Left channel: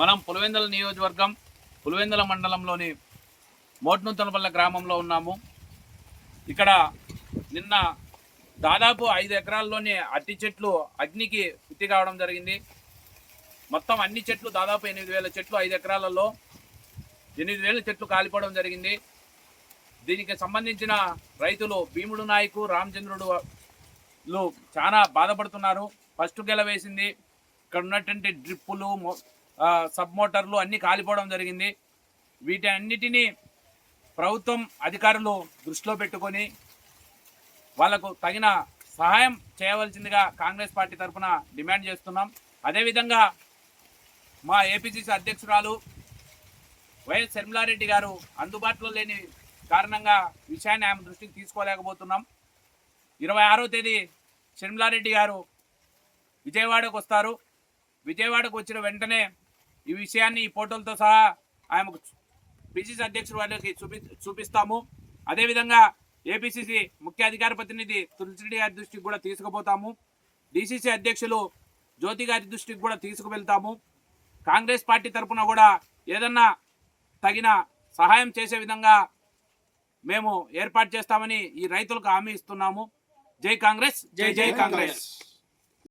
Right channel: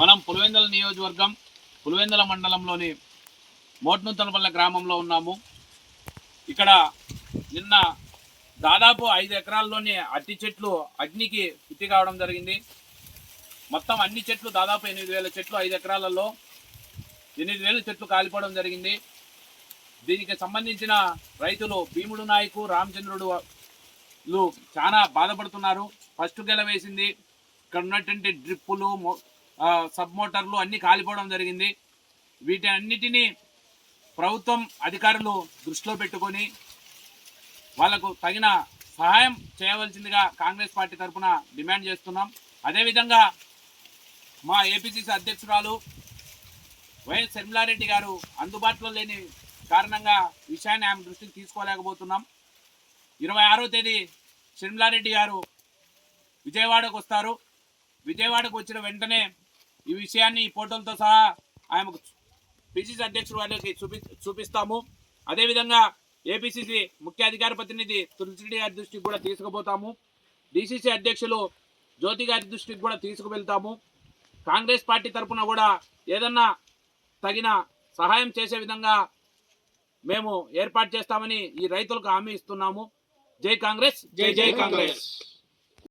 మనం పులివెందుల నియోజకవర్గం పులివెందుల మండలంలోని మోట్నూతనపల్లె గ్రామంలో ఉన్నాము. ఇక్కడ నిన్న దాదాపు ఐదు ఎకరాల్లోని అట్టి చెట్లు అగ్నికి పుట్టి కావడం జరిగింది. మొత్తం అన్ని చెట్లు దాదాపు ఎనిమిది వేల చెట్లు ఐదు ఎకరాలలో ఎనిమిది వేల చెట్లు కాలిపోవడం జరిగింది. దీనికి సంబంధించిన రైతులు భీముడు నాయకు రామచంద్రుడు చాలా బాధపడుతున్నారు. ఫస్ట్ గెల వేసింది. ఇక్కడ ఉన్నటువంటి డ్రిప్పులు సబ్ మోటార్లు అన్నీ కాలిపోవడం జరిగింది. వీటి అన్నిటినీ ప్రభుత్వం అధికారులు దృష్టిలో పెట్టుకొని వాళ్ళకు తగిన సహాయం చేయవలసిందిగా కాంగ్రెస్ పార్టీ తరఫున డిమాండ్ చేస్తున్నాం. అదేవిధంగా మా ఏపీసీసీ అధ్యక్షురాలు వైఎస్ శర్మిలారెడ్డి గారు అందుబాటులో లేని కారణంగా విషయాన్ని ఆమె దృష్టికి తీసుకోలేకపోతున్నాం. ఇరవై ఆరో తేదీ షర్మిలారెడ్డి గారు విజయవాడకు వస్తారు. విజయవాడకు వచ్చిన వెంటనే ఈ విషయాన్ని ఈ ఫోటోలతో సహా ఆమెకు పిసిసి అధ్యక్షుడు వారికి చూపి చూపిస్తాము. అదేవిధంగా ఏపీసీసీ ముఖ్య అధికార ప్రతినిధి తులసిరెడ్డి గారి దృష్టికి కూడా తీసుకుపోతాము. డిసిసి అధ్యక్షులు జ్యోతి గారి దృష్టికి కూడా తీసుకువెళ్తాము. కాంగ్రెస్ పార్టీ తరఫున కూడా ఏదన్నా తగిన సహాయం చేసే విధంగా మేము ఏర్పాటు చేస్తామని ఈ రైతులకు హామీ ఇస్తున్నాము. జై కాంగ్రెస్ జై జై కాంగ్రెస్.